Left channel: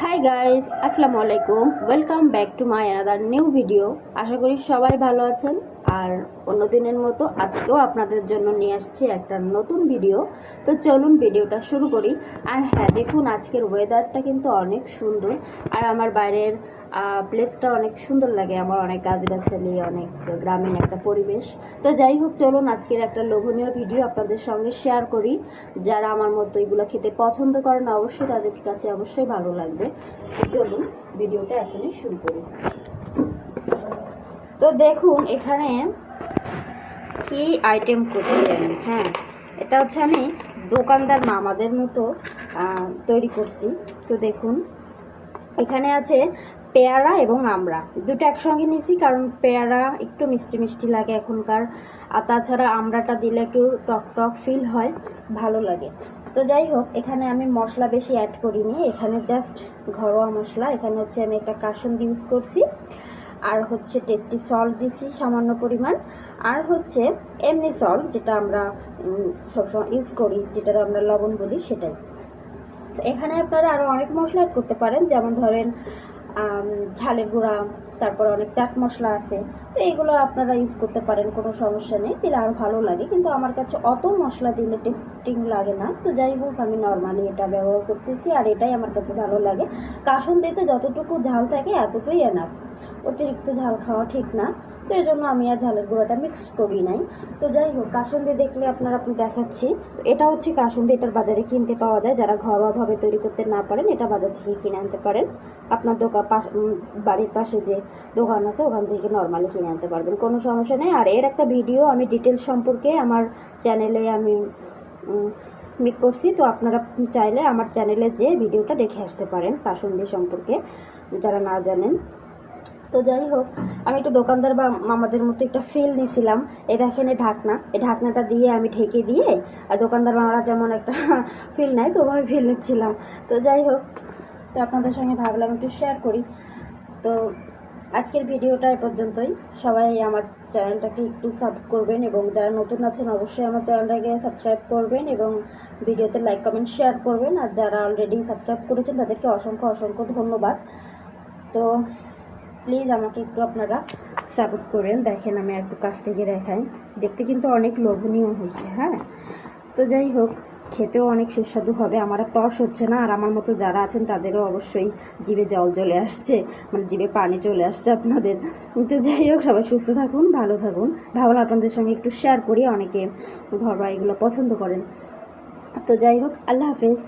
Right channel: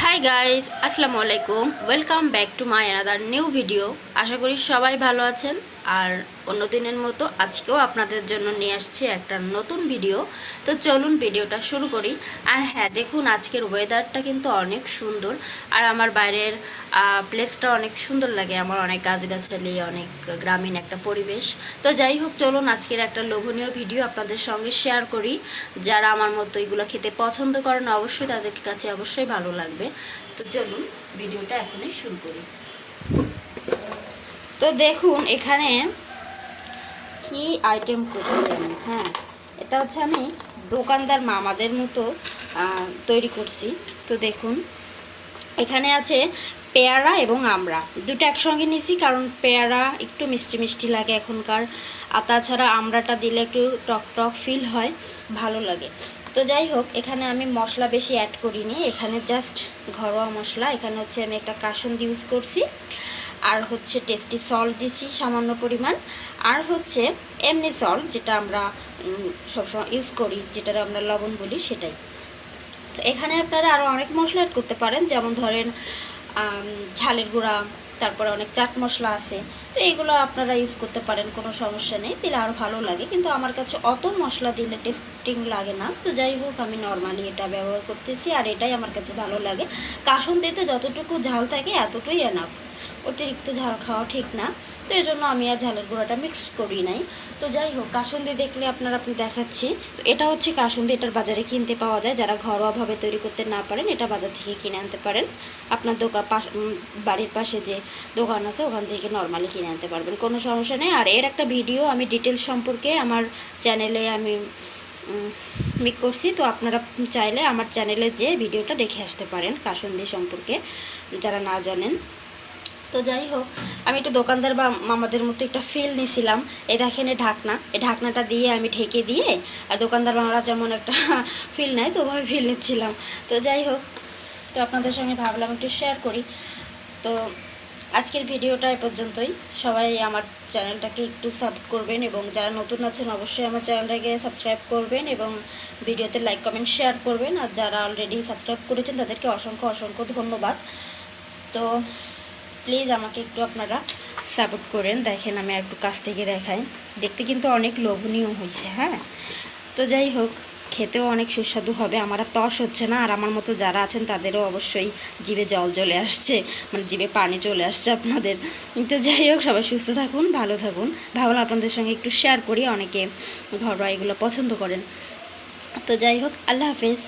High guys আসসালামু আলাইকুম welcome back to my another new video আশা করি সবাই ভালো আছেন। আর অন্য দিনের মতো আজকেও আপনাদের জন্য নিয়ে আসছি একটা নতুন ভিডিও তো চলুন ভিডিওটা শুরু করি। আর হ্যাঁ দেখুন, আজকের ওয়েদারটা কিন্তু অনেক সুন্দর। আর আমার বাইরের প্লেসটা অনেক সুন্দর লাগে। আমার অনেক গাছগাছালি, অনেক গ্রামীণ একটা পরিবেশ। তো যাই হোক, চলুন আজকের একটা লোভনীয় ভিডিও আপনাদের সঙ্গে শেয়ার করি। যারা আমার মতো এগুলো খেতে পছন্দ করেন, অবশ্যই তাদের কাছে অবশ্যই ভালো লাগবে। তো চলুন ভিডিওটা এখনই শুরু করি। তো দেখুন, এখানে কি আইটেম করছি আমি হ্যাঁ এটা হচ্ছে আমি দোকানদার মামাদের মতো তৈরি করছি। তো দেখুন, এখানে আছে পেয়ারা এবং আমড়া। দুটো একসঙ্গে নিয়েছি কারণ পেয়ারা একটু মিষ্টি মিষ্টি লাগে এখনকার, আর তাছাড়া আমরাটা দিলে একটু টক টক ফিল হয়, ভালো লাগে। তো যাই হোক, এখানে আমি মশলা বেশি অ্যাড করিনি। এখানে জাস্ট ঘরোয়া মশলা। এখানে হচ্ছে আমি একটা কাসন ইউজ করছি। আর হচ্ছে টেস্টি সল্ট দিছি, সামান্য পরিমাণ। আর হচ্ছে এমনি সল্ট যেটা আমরা সবসময় ইউজ করি যেটা আমরা লবণ বলি সেটাই। তো এখানে আপনারা আরও অনেক মশলা অ্যাড করতে পারেন, যেমন ধরেন ঝালের গুঁড়া তারপরে অনেক চাট মশলা আছে। তো এগুলো আপনারা ইউজ করতে পারেন, কোনো সমস্যা নেই। দিলে আরও ভালো লাগে। কিন্তু আমার কাছে অত মশলা দিলে টেস্টিং লাগে না। তো যাই হোক, আমি নর্মালি এটা ব্যবহার করতেছি আর এটাই আমার কাছে ভালো লাগে। কাসন দিতে যতটুকু ঝাল থাকে, এতটুকুই এনাফ অতিরিক্ত ঝাল খাওয়া ঠিক না। তো এই জন্য আমি আর ঝালের গুঁড়াটা মিক্স করি নাই। তো যাই হোক, কাসুন্দি দেখলে আপনারা আপনি দেখাচ্ছি। তো এটা হচ্ছে কাসুন্দি, এটার বাজারে কিনতে পাওয়া যায়। যারা ঘরোয়াভাবে তৈরি করতে না পারেন, এটা বাজার থেকে কিনে আনতে পারেন। আপনার দোকান বাড়ির পাশে যে দোকান আছে, ওখান থেকে নর্মালি কিনে আনতে পারবেন, কোনো সমস্যা নেই। আর এর একটা ভিডিও আমি ডিটেলস সম্পর্কে আমার চ্যানেলে আমি মেক করছি। তো আপনারা চাইলে আমার চ্যানেলে যে ভিডিওটা দেখে আসতে পারেন, কাসুন্দি সম্পর্কে, যারা না জানেন। তো যাই হোক, আমি একটু দোকানদার বা মামাদের মতো একটা ফিল নিয়েছিলাম এই দেখেন এই ঢাকনা এই ঢাকনাটা দিয়ে আমি ঢেকে দিয়ে, আর দোকানদার মামারা যেমন একটা ফিল নেয় তো ওভাবে ফিল নিচ্ছিলাম। তো যাই হোক, তো আপনাদের সঙ্গে ভাবলাম একটু শেয়ার করি। তো আজকের ভিডিওটা এ পর্যন্তই। সবাই আমার চ্যানেলটাকে একটু সাপোর্ট করবেন এবং যারা নতুন আছেন অবশ্যই আমার চ্যানেলটাকে সাবস্ক্রাইব করবেন এবং ভিডিওতে লাইক কমেন্ট শেয়ার করবেন। আর যারা অলরেডি সাবস্ক্রাইব করেছেন তাদেরকে অসংখ্য অসংখ্য ধন্যবাদ। তো প্লিজ আমাকে একটু আপনারা সাপোর্ট করেন। দেখেন আমি একটু কাছ থেকে দেখাই। দেখতে কিন্তু অনেক লোভনীয় হয়েছে হ্যাঁ? তো যাই হোক খেতেও অনেক সুস্বাদু হবে, আমার তস হচ্ছে না, আর আমার মতো যারা আছেন তাদেরও অবশ্যই জিভে জল চলে আসছে মানে জিভে পানি চলে আসছে আপনাদের। তো যাই হোক, সবাই সুস্থ থাকুন, ভালো থাকুন। ভাবলাম আপনাদের সঙ্গে একটু শেয়ার করি, অনেকে ঘরোয়া এগুলো পছন্দ করেন। তো যাই হোক, আল্লাহ হাফেজ।